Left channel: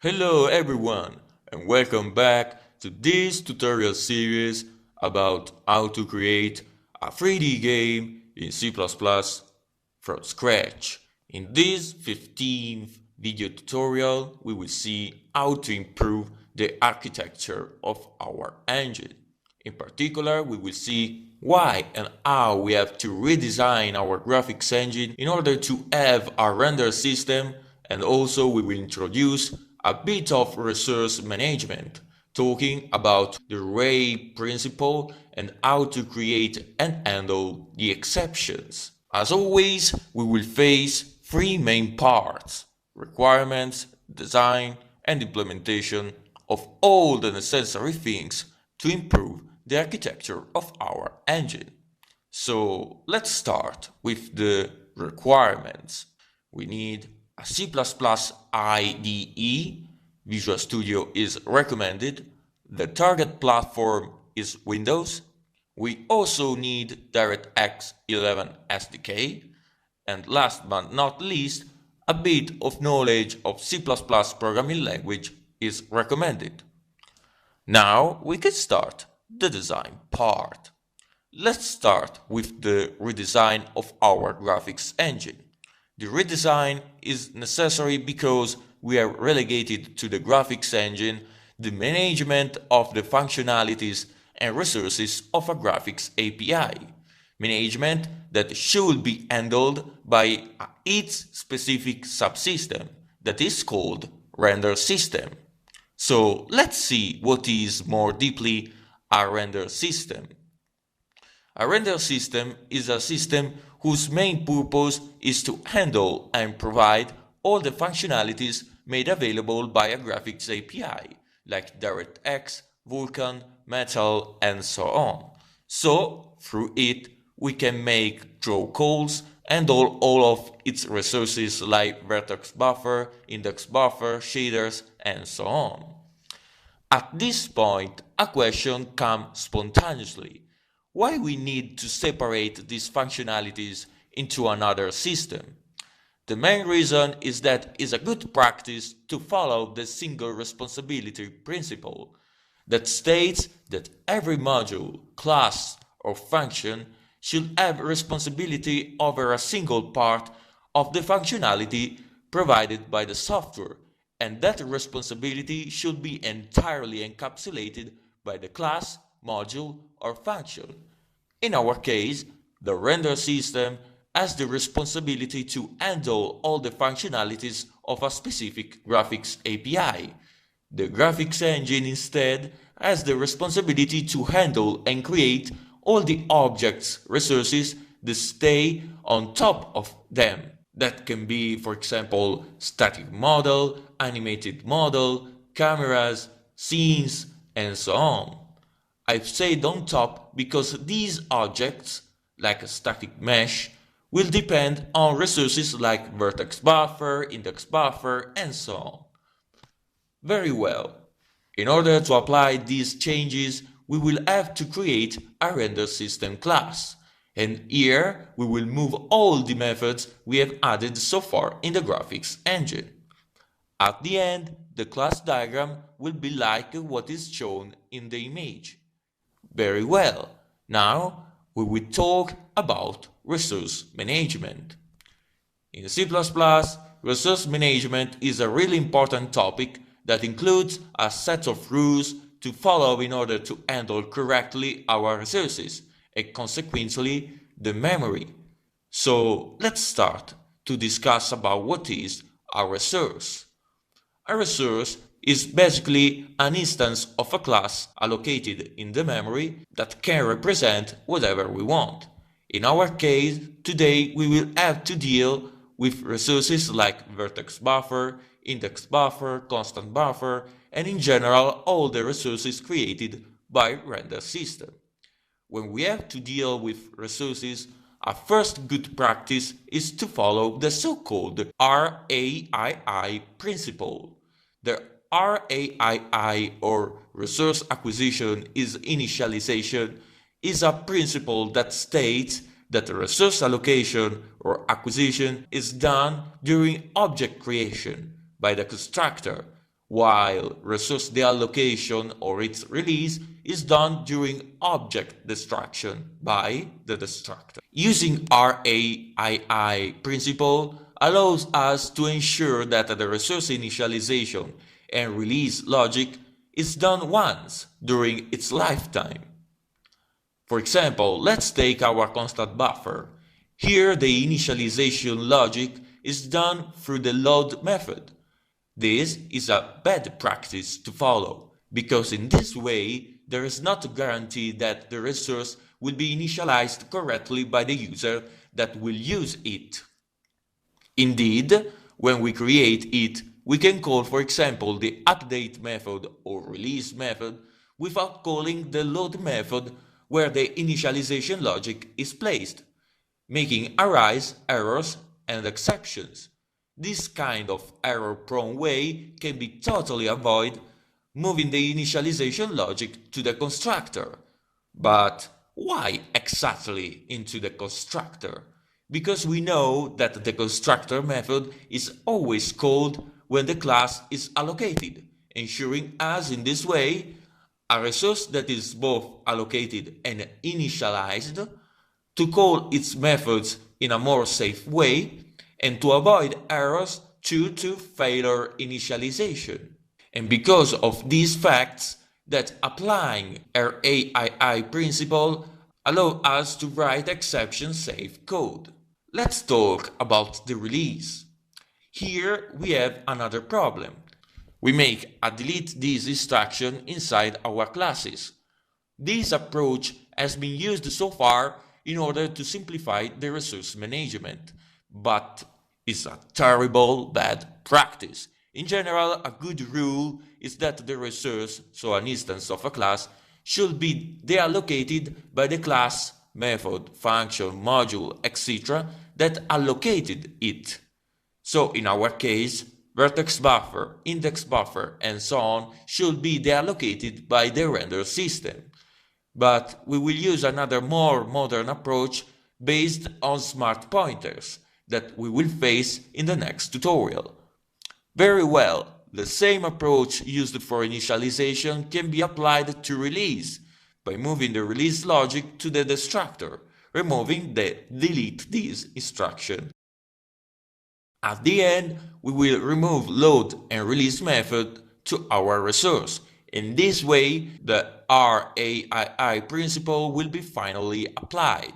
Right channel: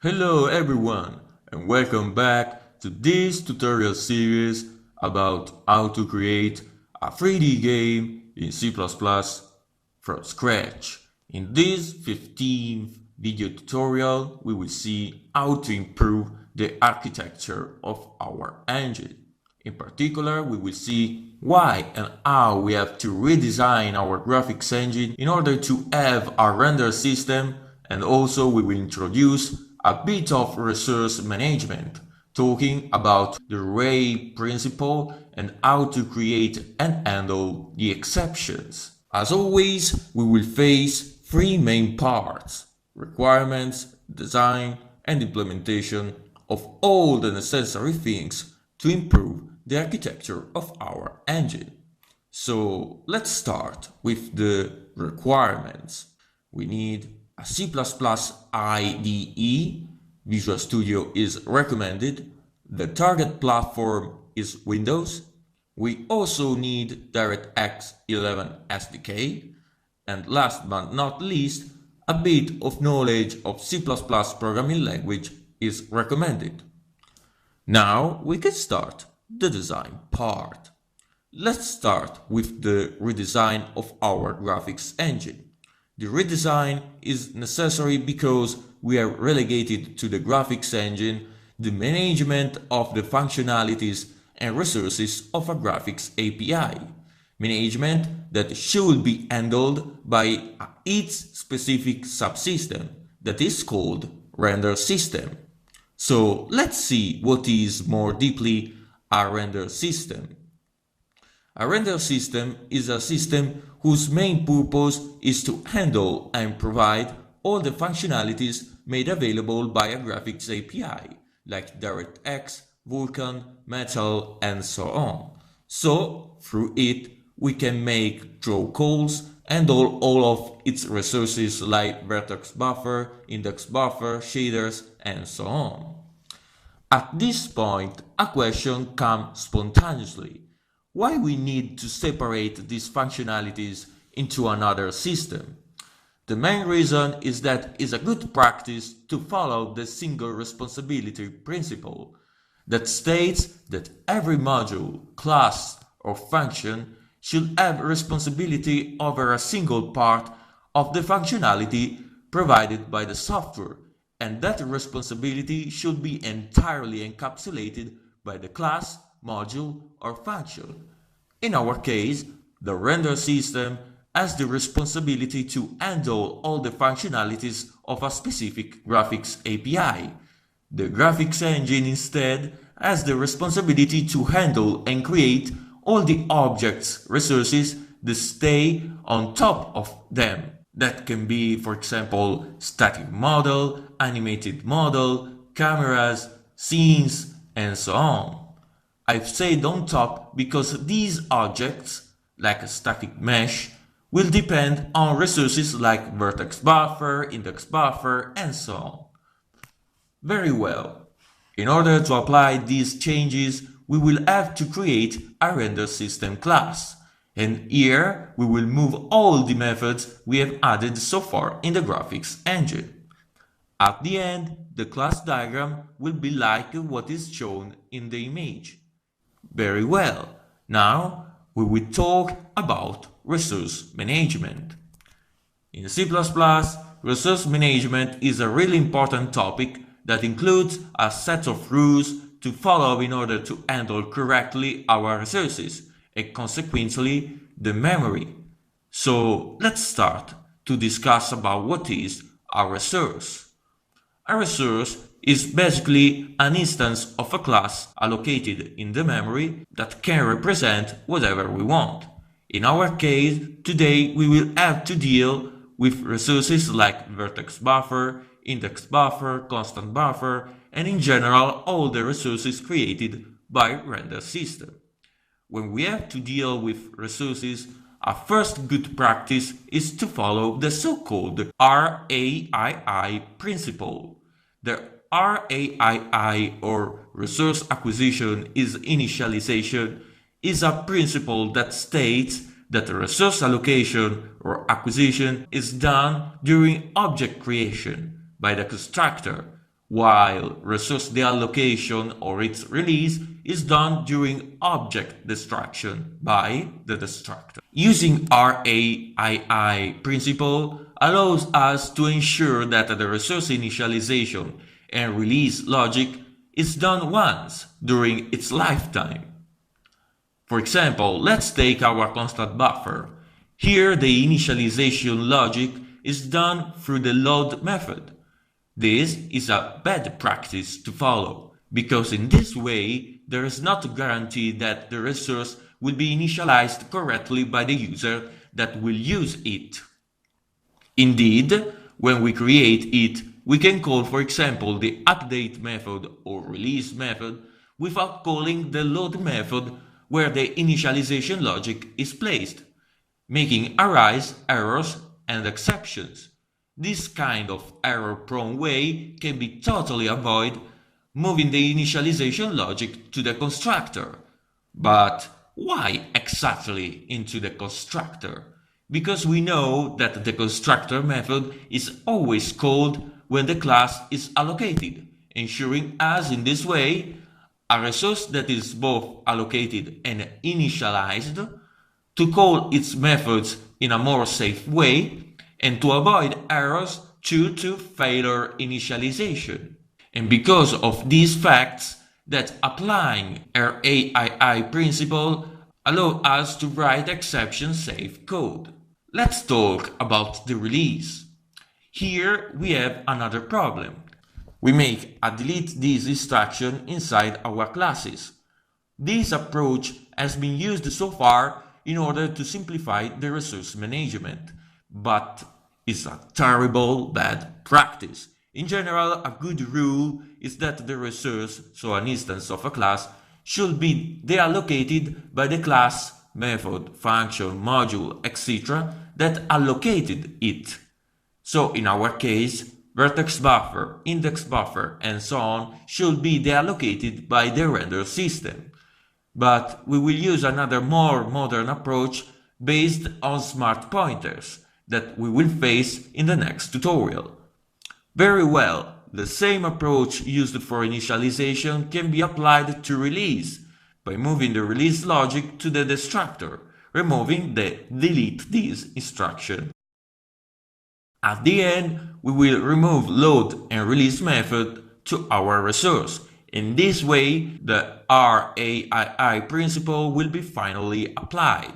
Hello everyone and welcome back to this tutorial series about how to create a 3D game in C++ from scratch. In this 15th video tutorial, we will see how to improve the architecture of our engine. In particular, we will see why and how we have to redesign our graphics engine in order to have a render system, and also we will introduce a bit of resource management, talking about the RAII principle and how to create and handle the exceptions. As always, we will face three main parts: requirements, design, and implementation of all the necessary things to improve the architecture of our engine. So let's start with the requirements. We need a C++ IDE. Visual Studio is recommended. The target platform is Windows. We also need DirectX 11 SDK. And last but not least, a bit of knowledge of C++ programming language is recommended. Now we can start the design part. Let's start with the redesign of our graphics engine. The redesign is necessary because we are relegated to the graphics engine the management of the functionalities and resources of a graphics API, management that should be handled by its specific subsystem that is called RenderSystem. So let's see what is more deeply a render system. A render system is a system whose main purpose is to handle and provide all the functionalities made available by a graphics API, like DirectX, Vulkan, Metal, and so on. So, through it, we can make draw calls, handle all of its resources like vertex buffer, index buffer, shaders, and so on. At this point, a question comes spontaneously. Why we need to separate these functionalities into another system? The main reason is that it's a good practice to follow the single responsibility principle that states that every module, class, or function should have responsibility over a single part of the functionality provided by the software, and that responsibility should be entirely encapsulated by the class, module, or function. In our case, the render system has the responsibility to handle all the functionalities of a specific graphics API. The graphics engine instead has the responsibility to handle and create all the objects, resources that stay on top of them. That can be, for example, static model, animated model, cameras, scenes, and so on. I've said on top because these objects, like a static mesh, will depend on resources like vertex buffer, index buffer, and so on. Very well. In order to apply these changes, we will have to create a render system class. And here we will move all the methods we have added so far in the graphics engine. At the end, the class diagram will be like what is shown in the image. Very well. Now we will talk about resource management. In C++, resource management is a really important topic that includes a set of rules to follow in order to handle correctly our resources and consequently the memory. So let's start to discuss about what is a resource. A resource is basically an instance of a class allocated in the memory that can represent whatever we want. In our case, today we will have to deal with resources like vertex buffer, index buffer, constant buffer, and in general all the resources created by RenderSystem. When we have to deal with resources, a first good practice is to follow the so-called RAII principle. The RAII, or Resource Acquisition is Initialization, is a principle that states that resource allocation or acquisition is done during object creation by the constructor, while resource deallocation or its release is done during object destruction by the destructor. Using RAII principle allows us to ensure that the resource initialization and release logic is done once during its lifetime. For example, let's take our constant buffer. Here the initialization logic is done through the load method. This is a bad practice to follow, because in this way there is not a guarantee that the resource will be initialized correctly by the user that will use it. Indeed, when we create it, we can call, for example, the update method or release method without calling the load method where the initialization logic is placed, making arise errors and exceptions. This kind of error-prone way can be totally avoided moving the initialization logic to the constructor. But why exactly into the constructor? Because we know that the constructor method is always called when the class is allocated, ensuring us in this way a resource that is both allocated and initialized, to call its methods in a more safe way, and to avoid errors due to failure initialization. And because of these facts, that applying RAII principle allows us to write exception-safe code. Let's talk about the release. Here we have another problem. We make a delete this instruction inside our classes. This approach has been used so far in order to simplify the resource management, but it's a terrible bad practice. In general, a good rule is that the resource, so an instance of a class, should be deallocated by the class, method, function, module, etc. that allocated it. So in our case, vertex buffer, index buffer, and so on should be deallocated by the render system. But we will use another more modern approach based on smart pointers that we will face in the next tutorial. Very well, the same approach used for initialization can be applied to release by moving the release logic to the destructor, removing the delete this instruction. At the end, we will remove load and release method to our resource. In this way, the RAII principle will be finally applied.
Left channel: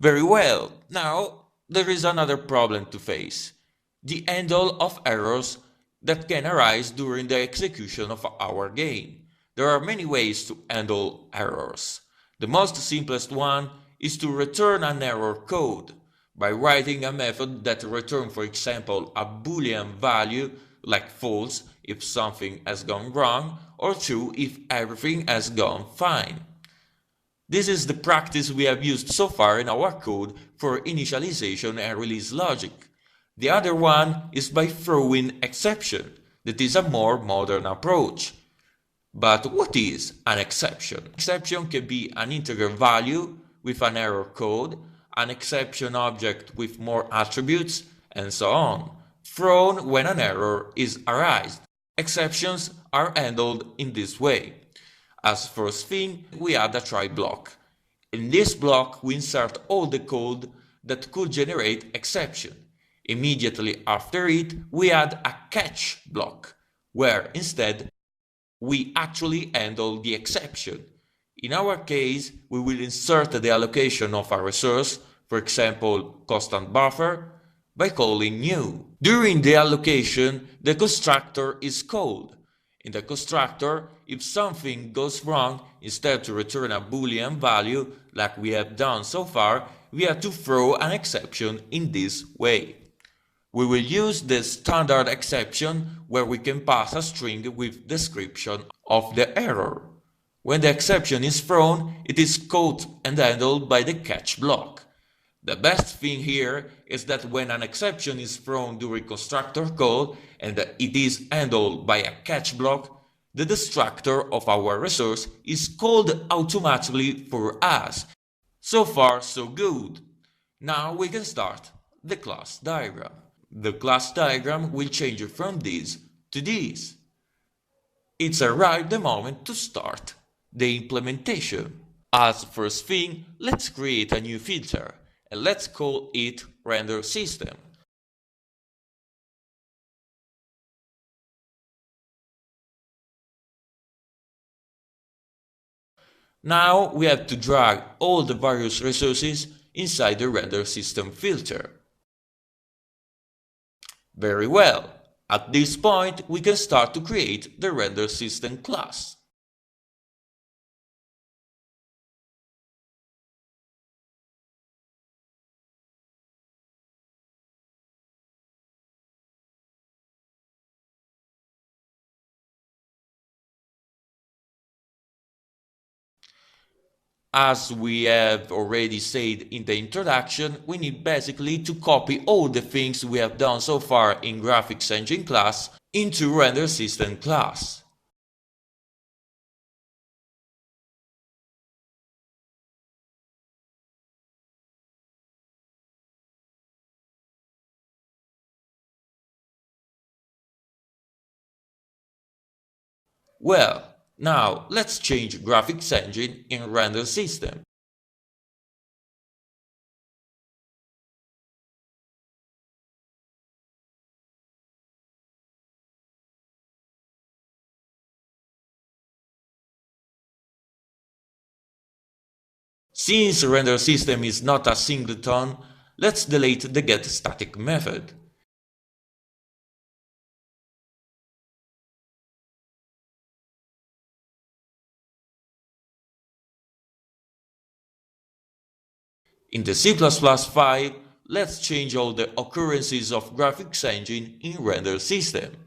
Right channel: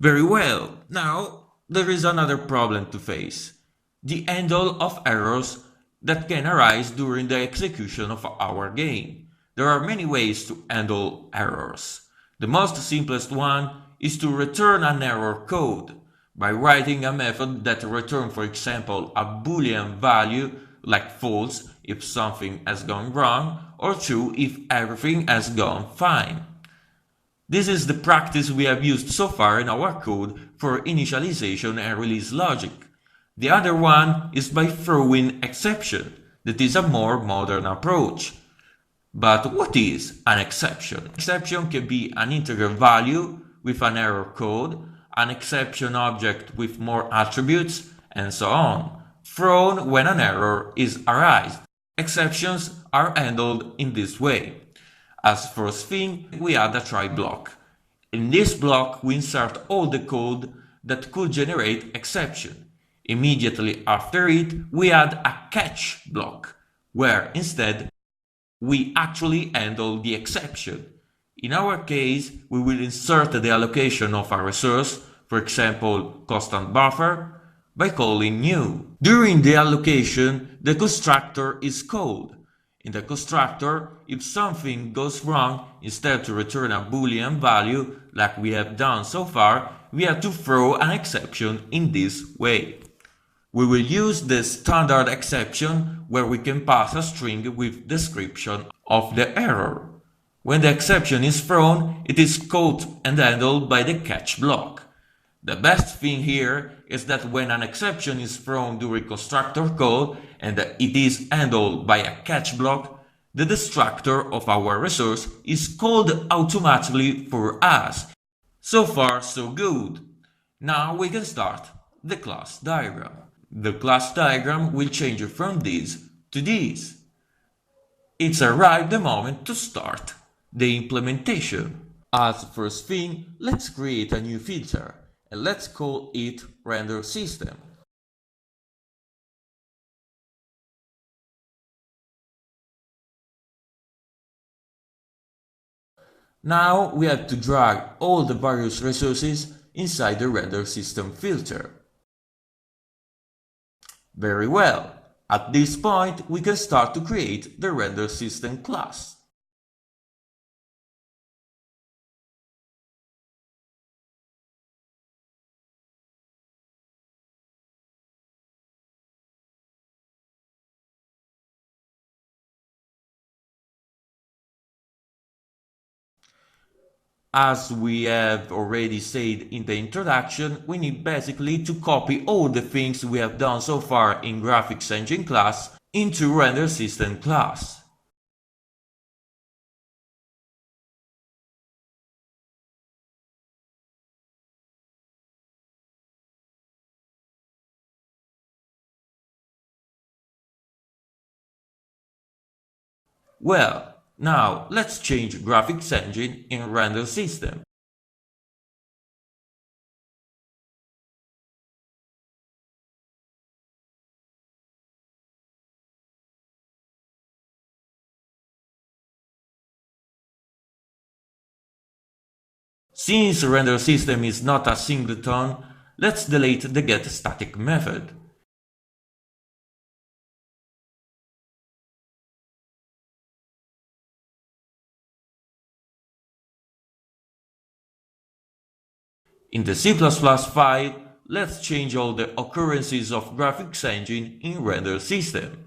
Very well, now there is another problem to face: the handle of errors that can arise during the execution of our game. There are many ways to handle errors. The most simplest one is to return an error code by writing a method that returns, for example, a Boolean value like false if something has gone wrong, or true if everything has gone fine. This is the practice we have used so far in our code for initialization and release logic. The other one is by throwing exception. That is a more modern approach. But what is an exception? Exception can be an integer value with an error code, an exception object with more attributes, and so on, thrown when an error is arised. Exceptions are handled in this way. As first thing, we add a try block. In this block, we insert all the code that could generate exception. Immediately after it, we add a catch block, where instead we actually handle the exception. In our case, we will insert the allocation of a resource, for example, constant buffer, by calling new. During the allocation, the constructor is called. In the constructor, if something goes wrong, instead to return a Boolean value, like we have done so far, we have to throw an exception in this way. We will use the standard exception where we can pass a string with description of the error. When the exception is thrown, it is caught and handled by the catch block. The best thing here is that when an exception is thrown during constructor call and it is handled by a catch block, the destructor of our resource is called automatically for us. So far, so good. Now we can start the class diagram. The class diagram will change from this to this. It's arrived the moment to start the implementation. As first thing, let's create a new filter and let's call it RenderSystem. Now we have to drag all the various resources inside the RenderSystem filter. Very well. At this point, we can start to create the RenderSystem class. As we have already said in the introduction, we need basically to copy all the things we have done so far in Graphics Engine class into RenderSystem class. Well, now let's change Graphics Engine in RenderSystem. Since RenderSystem is not a singleton, let's delete the getStatic method. In the C++ file, let's change all the occurrences of Graphics Engine in RenderSystem.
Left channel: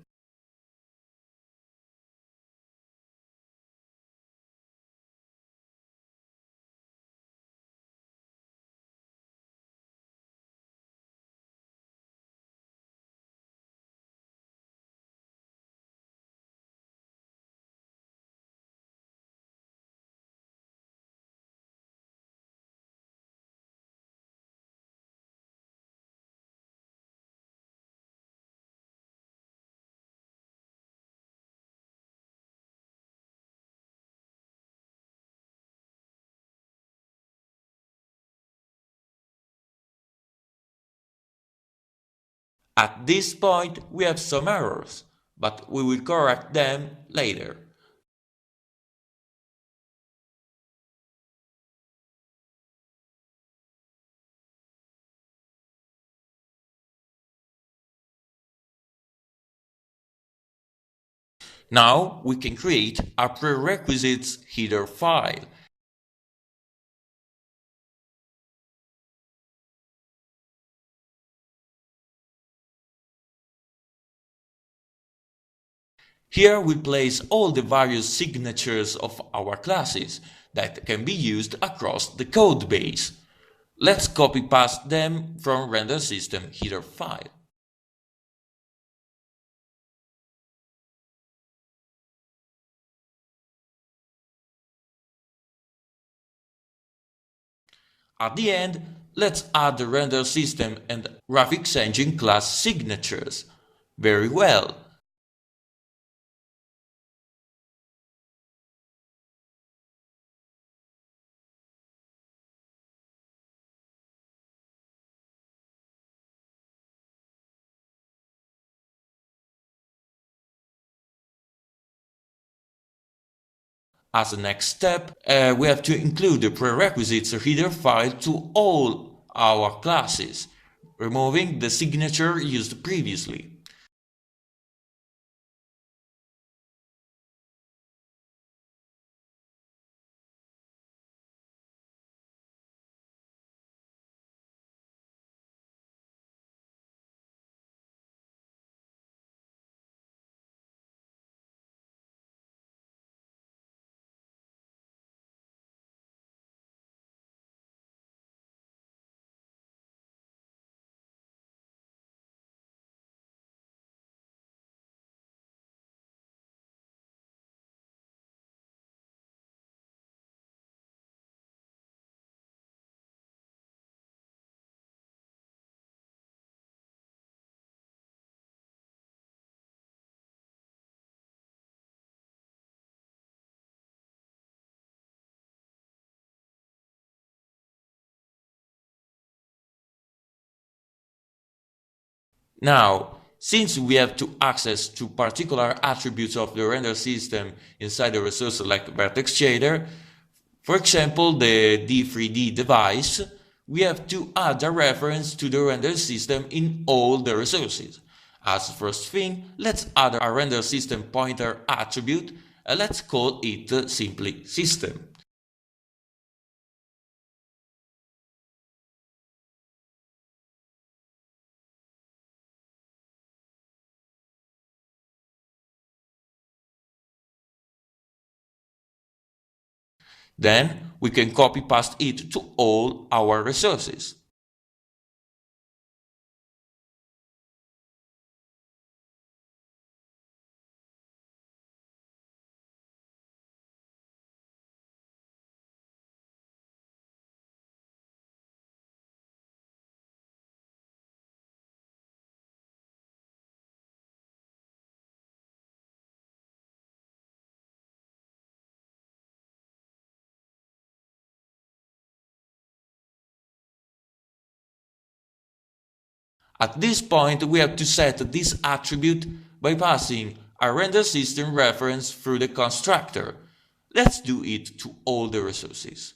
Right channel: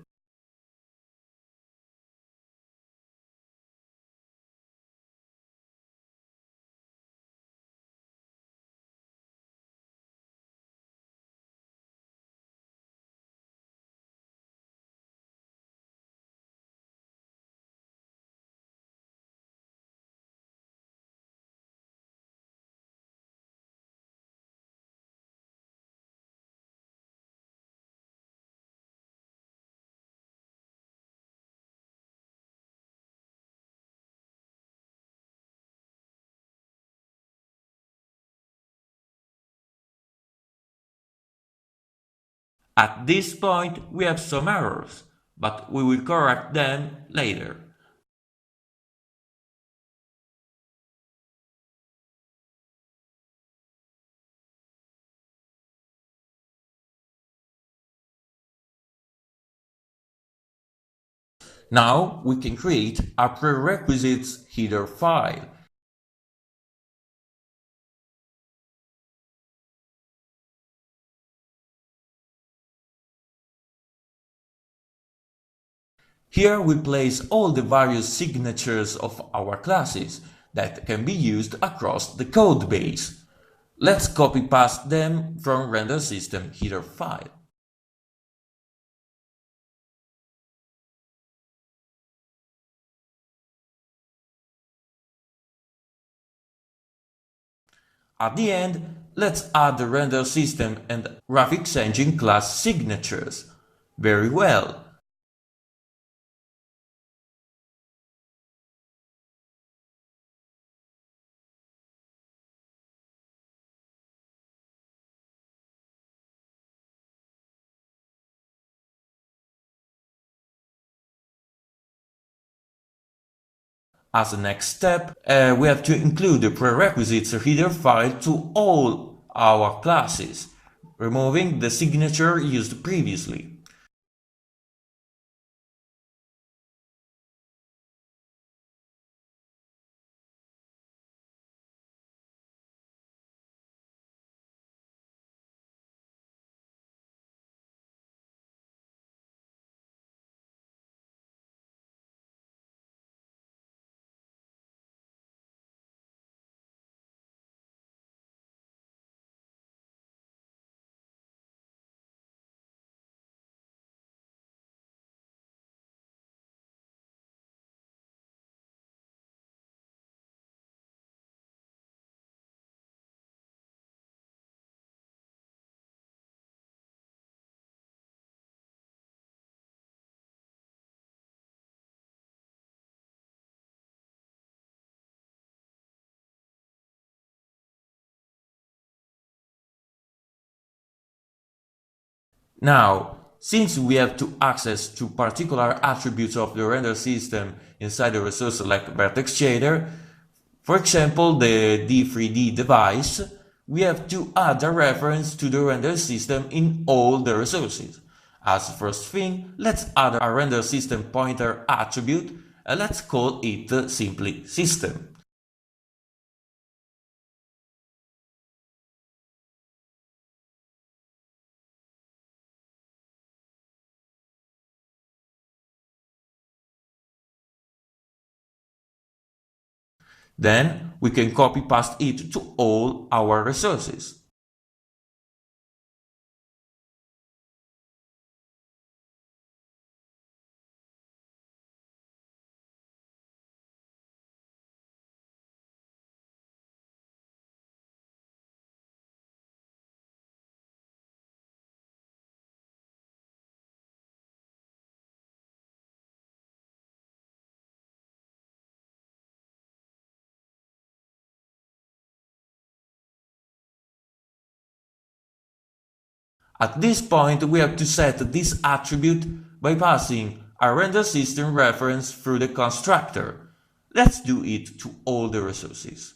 At this point, we have some errors, but we will correct them later. Now we can create a prerequisites header file. Here we place all the various signatures of our classes that can be used across the code base. Let's copy-paste them from RenderSystem header file. At the end, let's add the RenderSystem and Graphics Engine class signatures. Very well. As a next step, we have to include the prerequisites header file to all our classes, removing the signature used previously. Now, since we have to access to particular attributes of the render system inside the resource like vertex shader, for example, the D3D device, we have to add a reference to the render system in all the resources. As first thing, let's add a render system pointer attribute and let's call it simply system. Then we can copy paste it to all our resources. At this point, we have to set this attribute by passing a render system reference through the constructor. Let's do it to all the resources.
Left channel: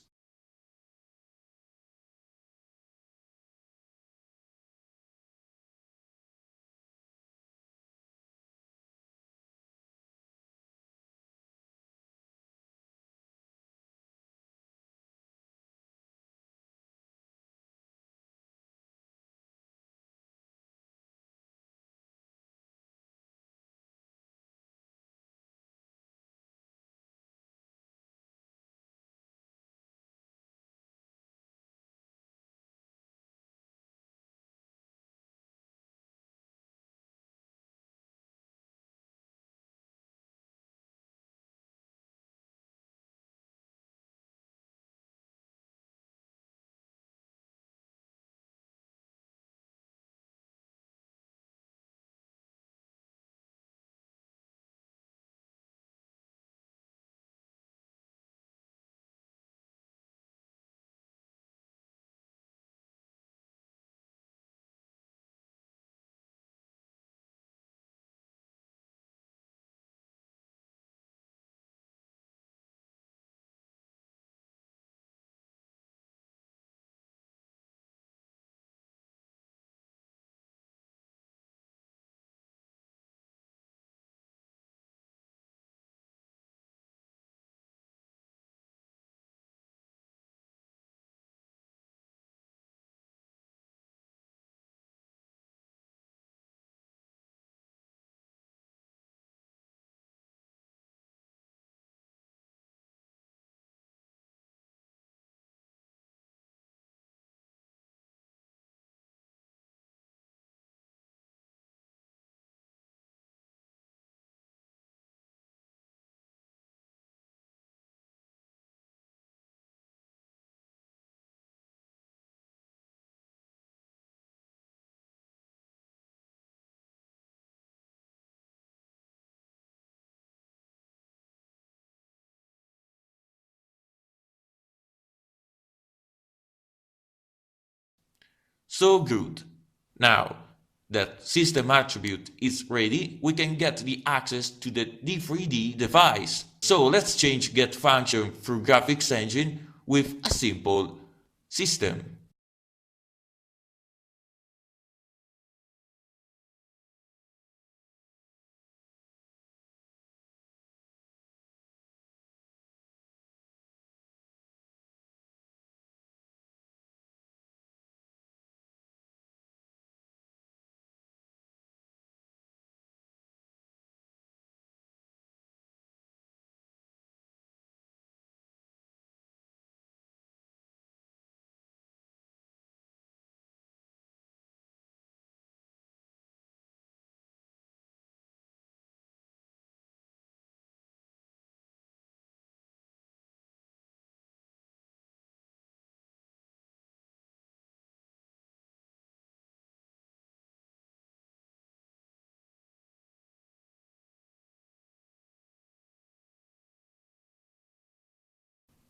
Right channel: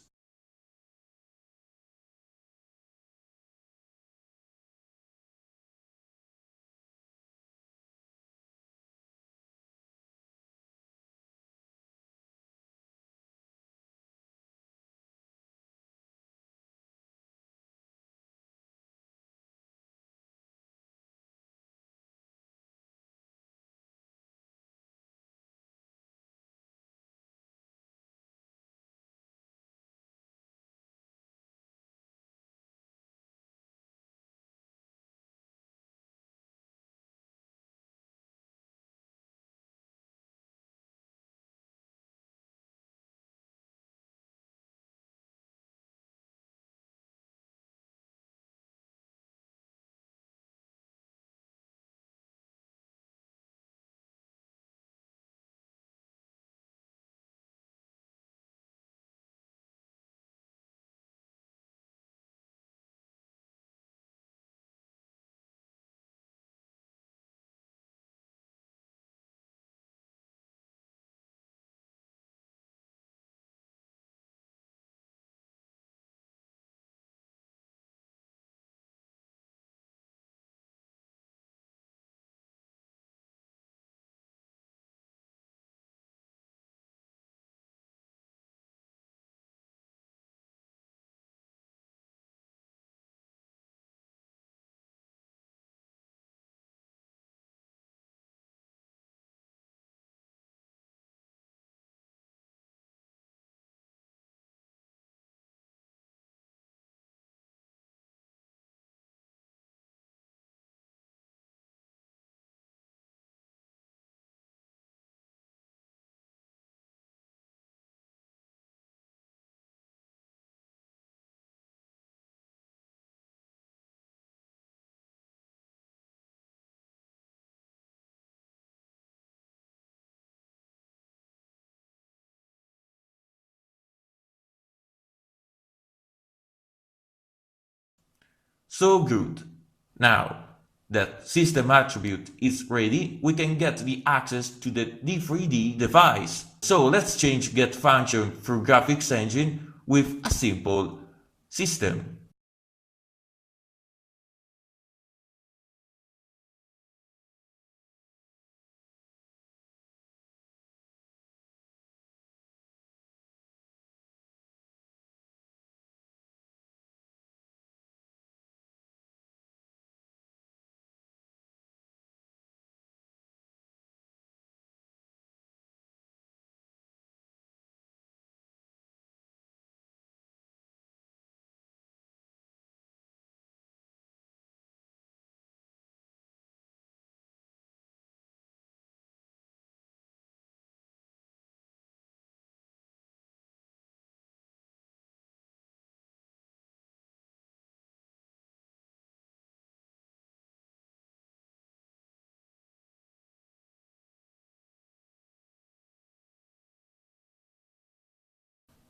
So good. Now that system attribute is ready, we can get the access to the D3D device. So let's change get function through graphics engine with a simple system.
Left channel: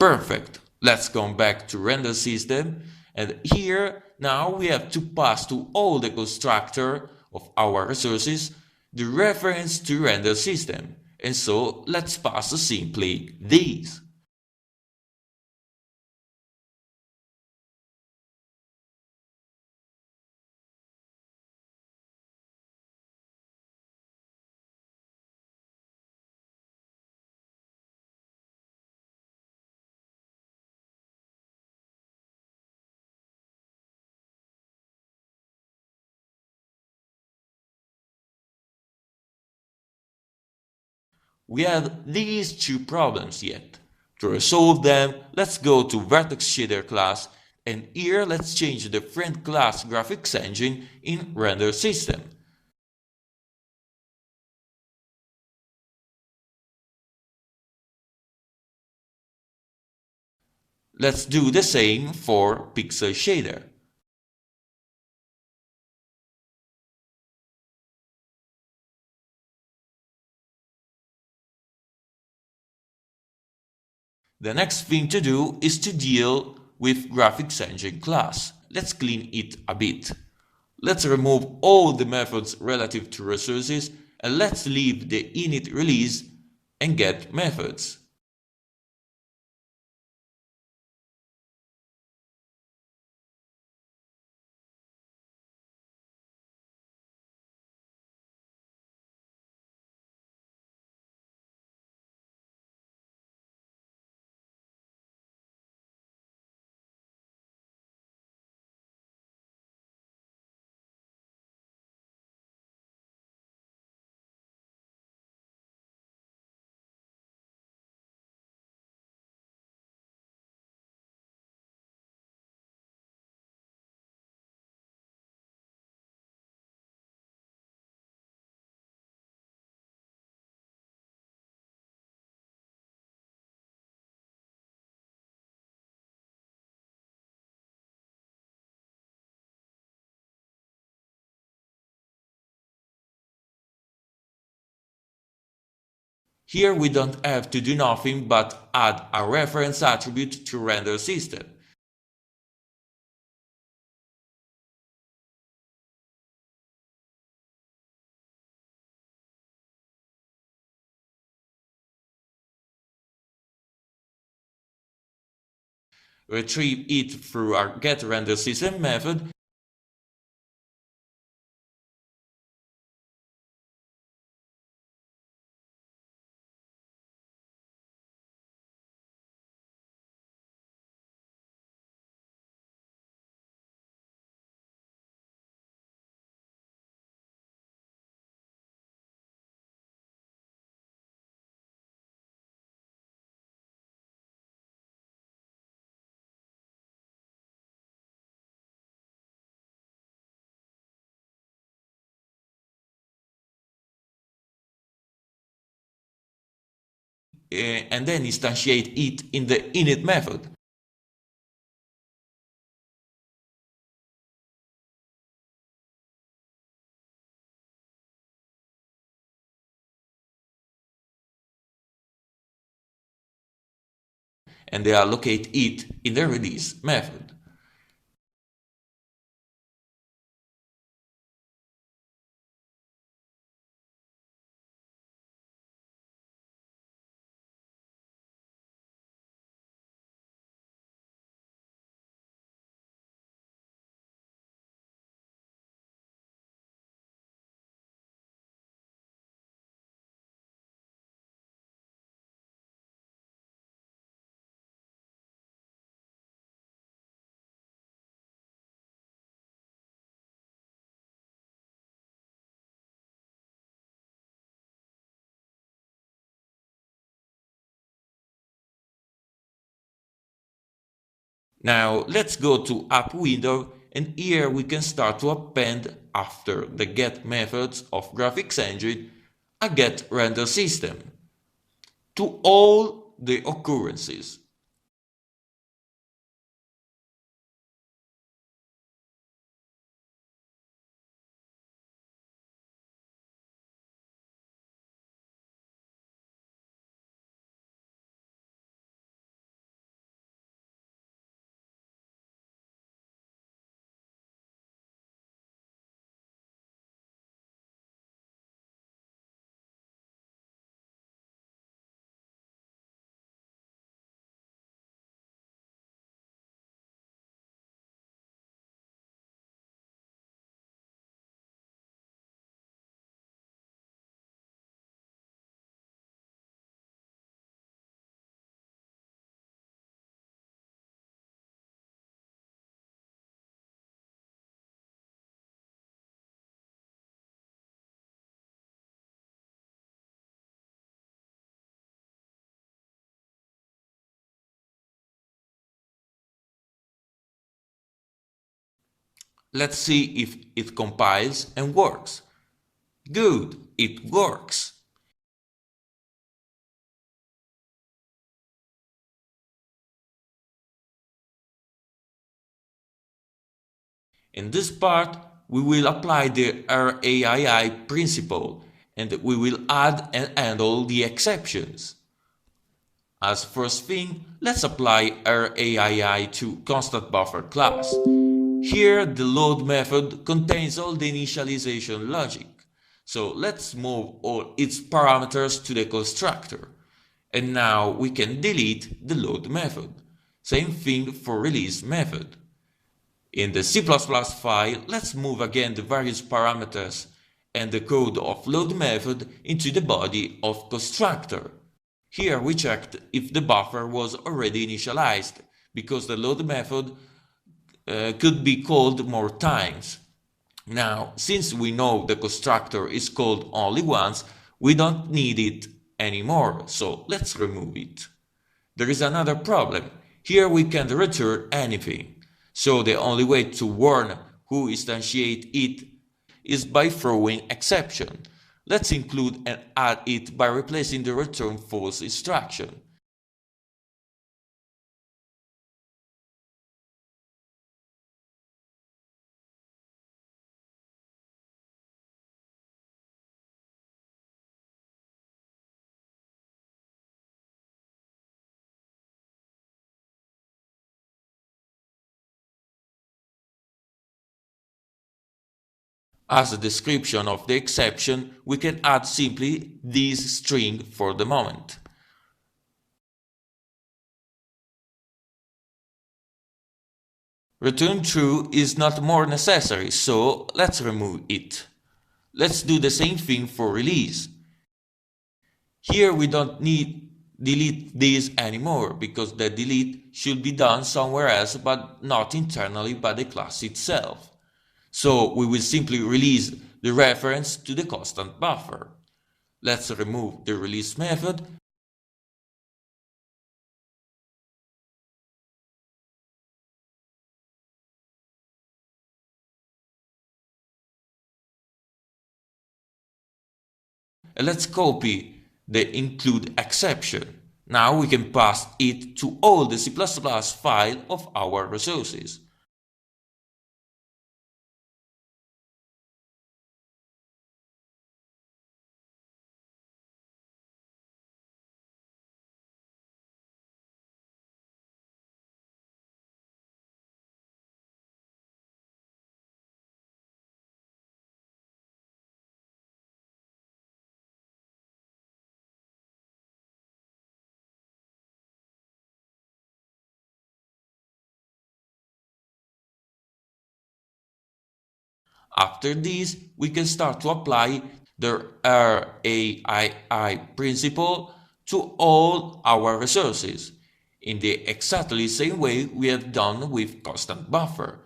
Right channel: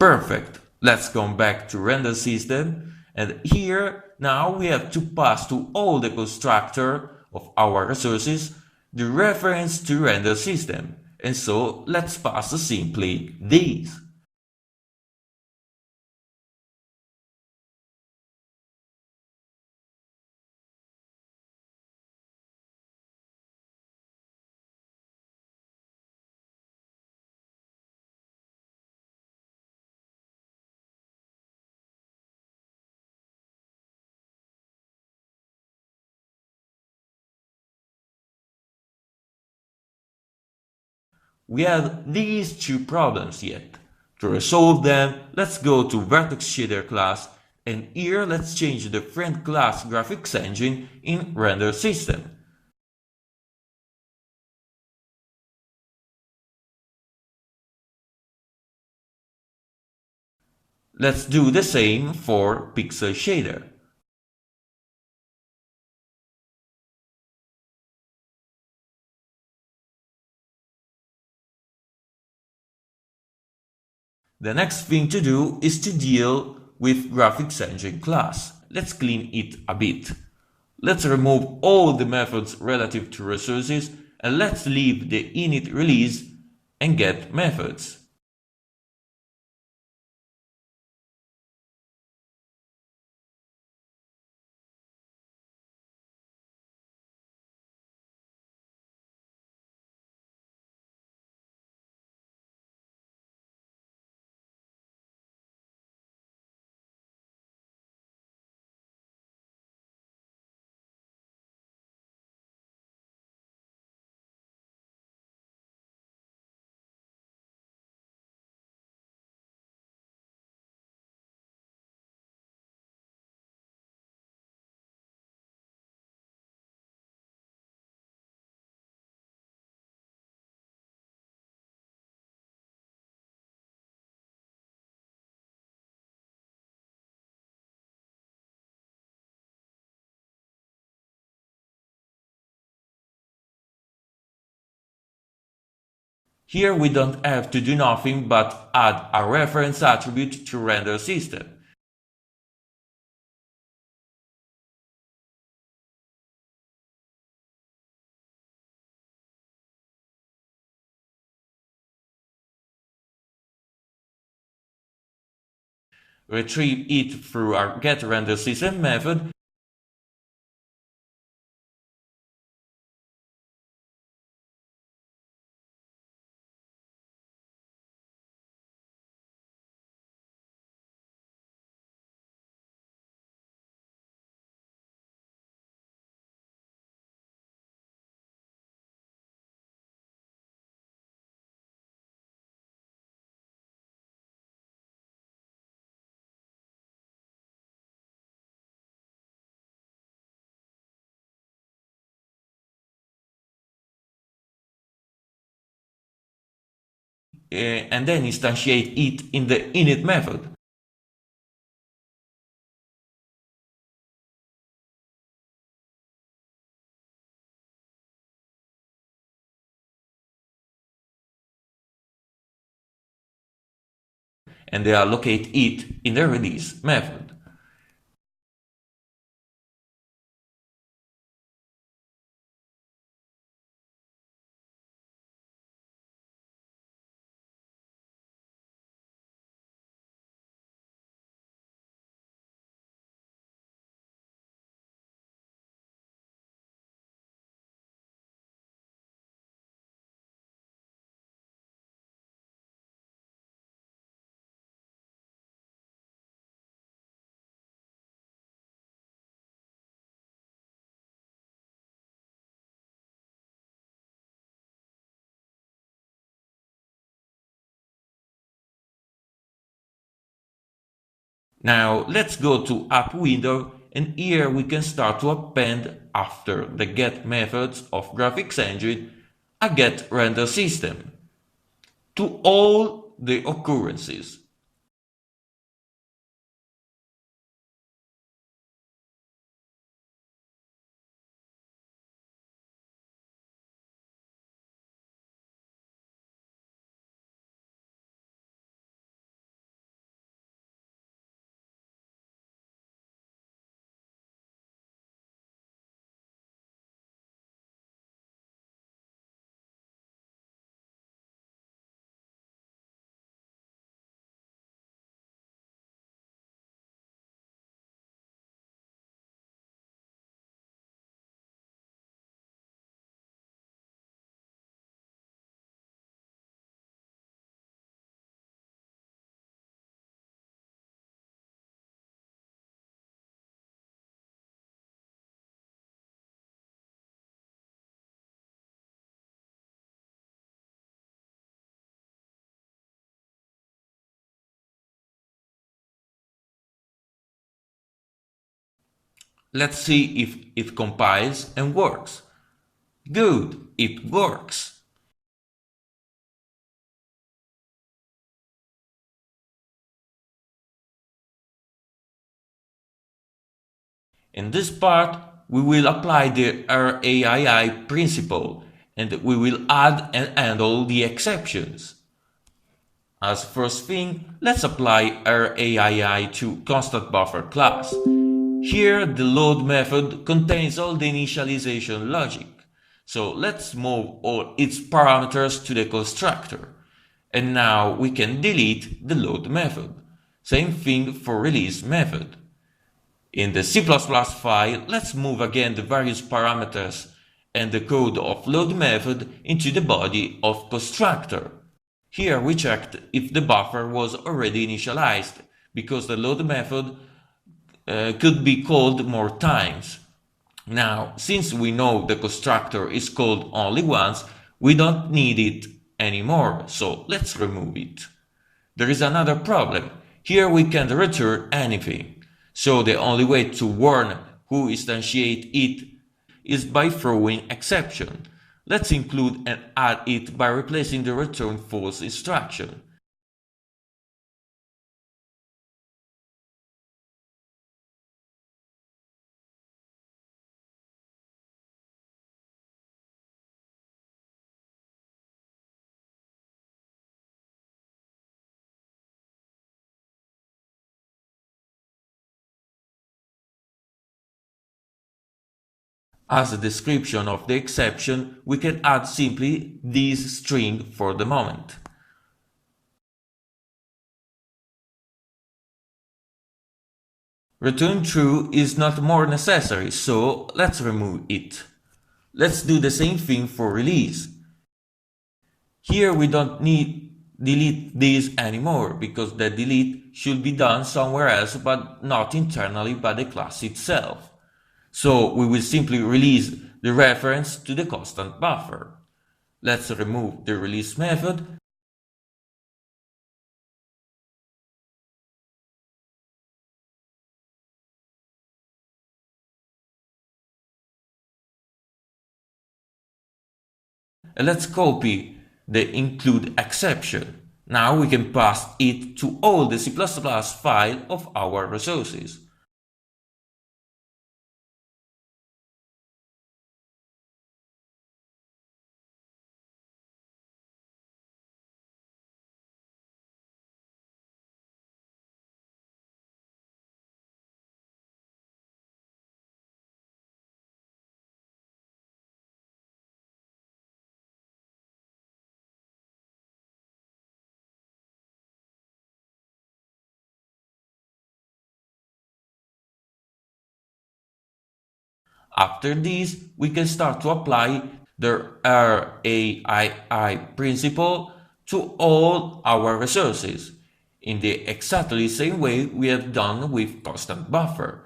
Perfect. Let's come back to RenderSystem, and here now we have to pass to all the constructor of our resources the reference to render system, and so let's pass simply these. We have these two problems yet. To resolve them, let's go to Vertex Shader class, and here let's change the friend class graphics engine in RenderSystem. Let's do the same for Pixel Shader. The next thing to do is to deal with graphics engine class. Let's clean it a bit. Let's remove all the methods relative to resources and let's leave the init release and get methods. Here we don't have to do nothing but add a reference attribute to RenderSystem. Retrieve it through our getRenderSystem method, and then instantiate it in the init method. And they allocate it in the release method. Now let's go to app window, and here we can start to append after the get methods of graphics engine a get render system to all the occurrences. Let's see if it compiles and works. Good, it works. In this part, we will apply the RAII principle and we will add and handle the exceptions. As first thing, let's apply RAII to constant buffer class. Here, the load method contains all the initialization logic. So let's move all its parameters to the constructor. And now we can delete the load method. Same thing for release method. In the C++ file, let's move again the various parameters and the code of load method into the body of constructor. Here we checked if the buffer was already initialized, because the load method could be called more times. Now, since we know the constructor is called only once, we don't need it anymore, so let's remove it. There is another problem. Here we can't return anything. So the only way to warn who instantiate it is by throwing exception. Let's include and add it by replacing the return false instruction. As a description of the exception, we can add simply this string for the moment. Return true is not more necessary, so let's remove it. Let's do the same thing for release. Here we don't need delete this anymore, because the delete should be done somewhere else but not internally by the class itself. So we will simply release the reference to the constant buffer. Let's remove the release method and let's copy the include exception. Now we can pass it to all the C++ file of our resources. After this, we can start to apply the RAII principle to all our resources in the exactly same way we have done with constant buffer.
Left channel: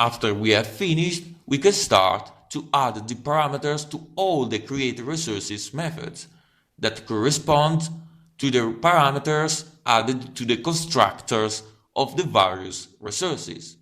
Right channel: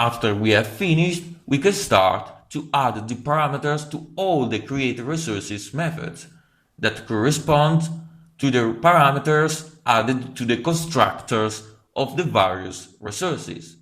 After we have finished, we can start to add the parameters to all the createResources methods that correspond to the parameters added to the constructors of the various resources.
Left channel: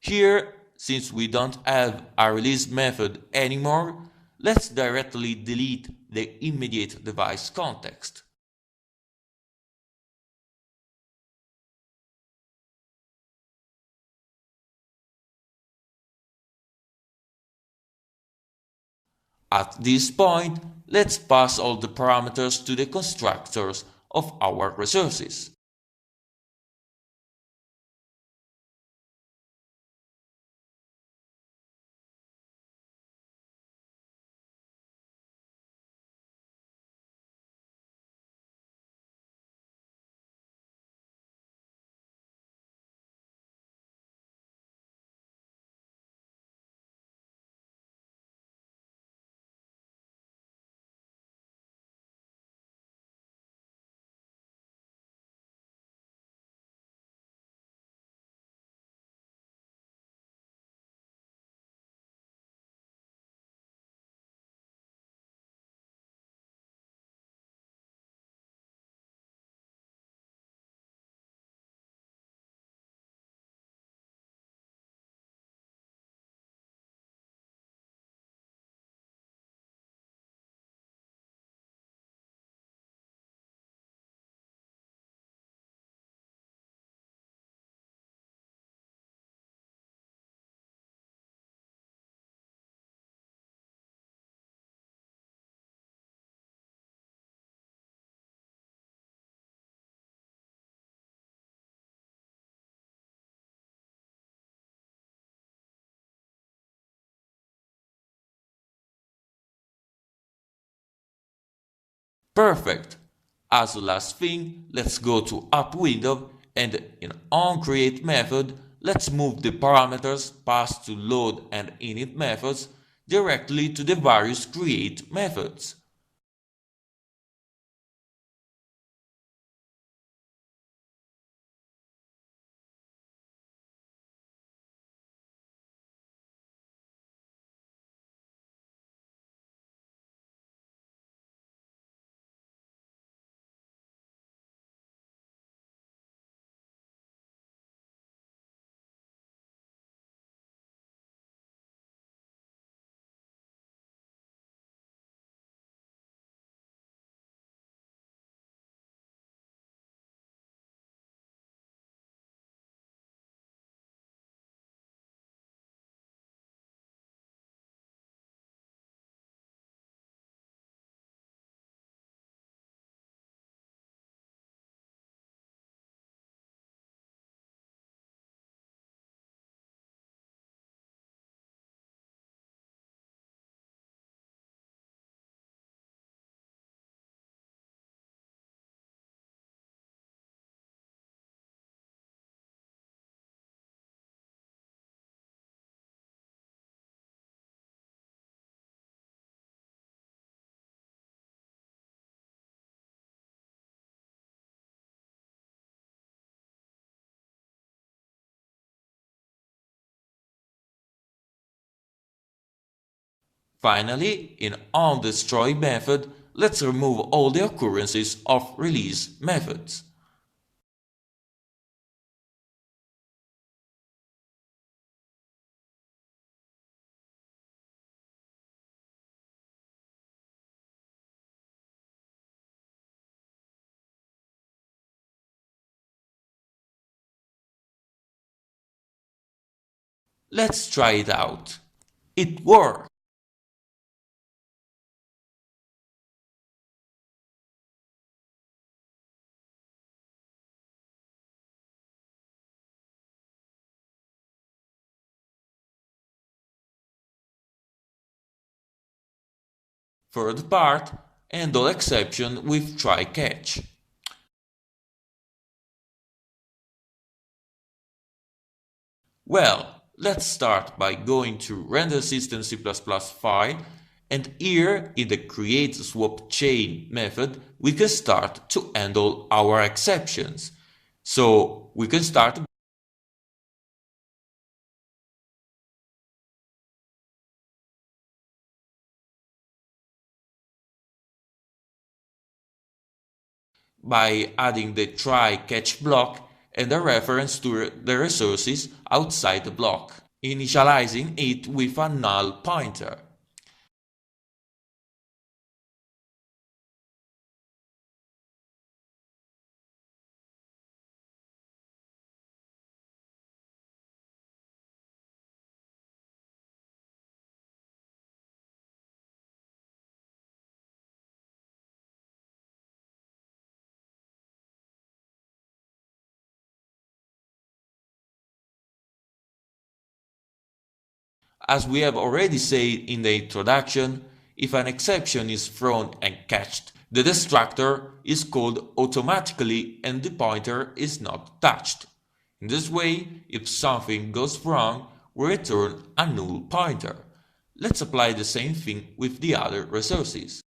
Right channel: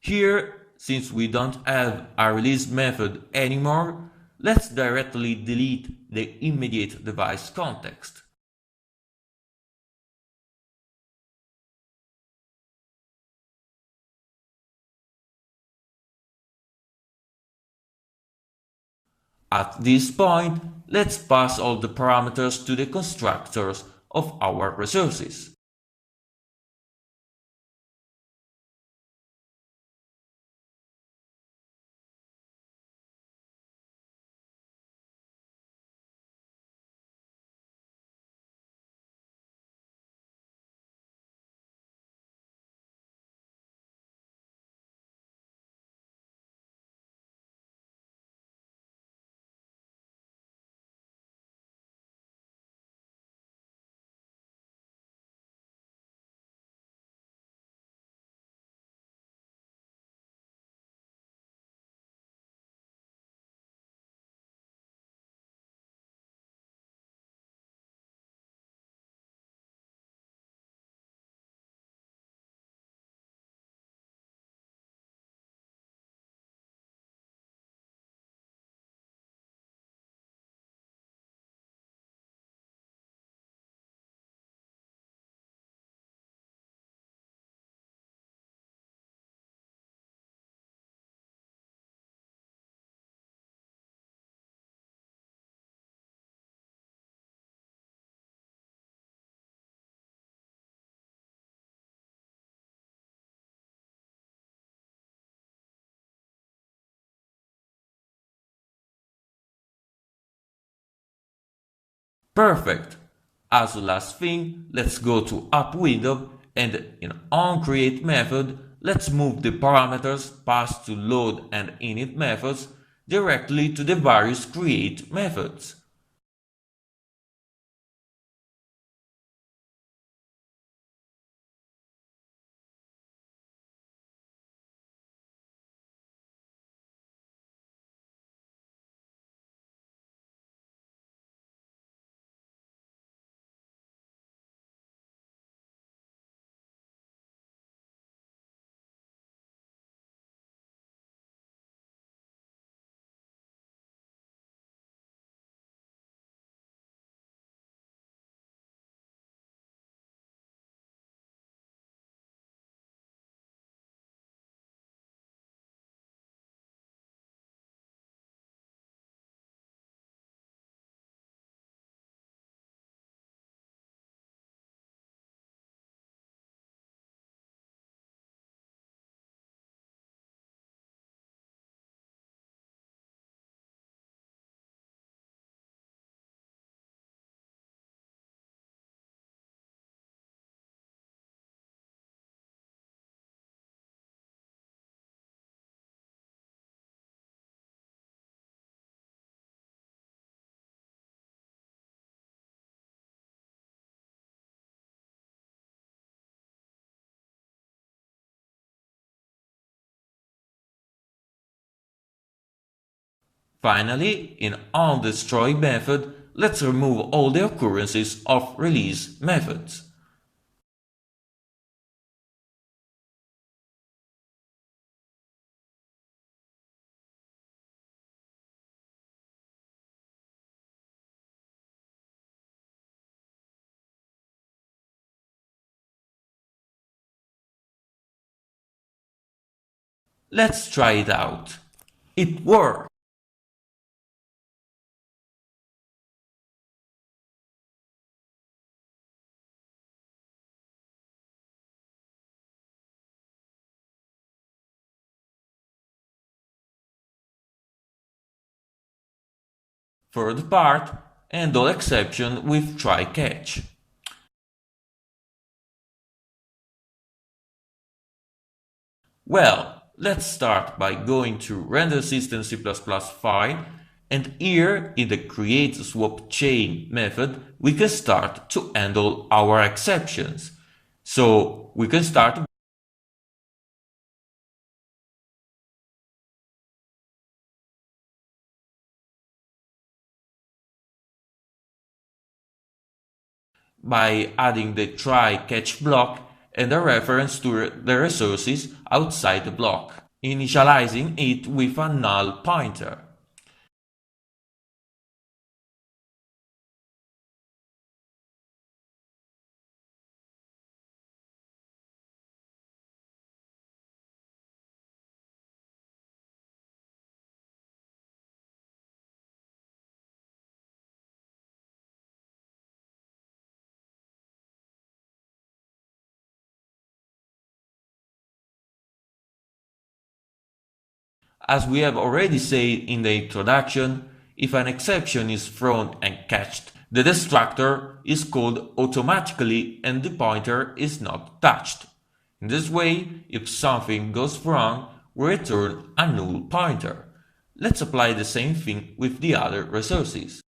Here, since we don't have a release method anymore, let's directly delete the immediate device context. At this point, let's pass all the parameters to the constructors of our resources. Perfect. As a last thing, let's go to App window and in onCreate method, let's move the parameters passed to load and init methods directly to the various create methods. Finally, in onDestroy method, let's remove all the occurrences of release methods. Let's try it out. It worked! Third part, handle exception with try catch. Well, let's start by going to RenderSystem C++ file, and here in the create swap chain method we can start to handle our exceptions. So we can start by adding the try catch block and a reference to the resources outside the block, initializing it with a null pointer. As we have already said in the introduction, if an exception is thrown and catched, the destructor is called automatically and the pointer is not touched. In this way, if something goes wrong, we return a null pointer. Let's apply the same thing with the other resources.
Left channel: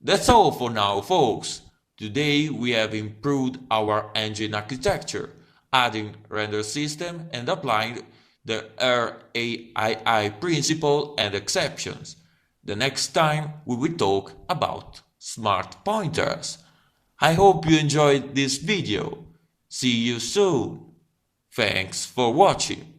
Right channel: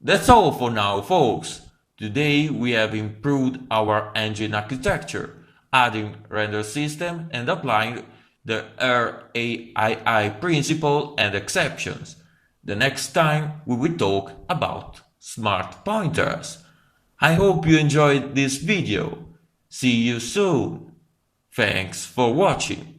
That's all for now, folks. Today we have improved our engine architecture, adding render system and applying the RAII principle and exceptions. The next time we will talk about smart pointers. I hope you enjoyed this video. See you soon. Thanks for watching.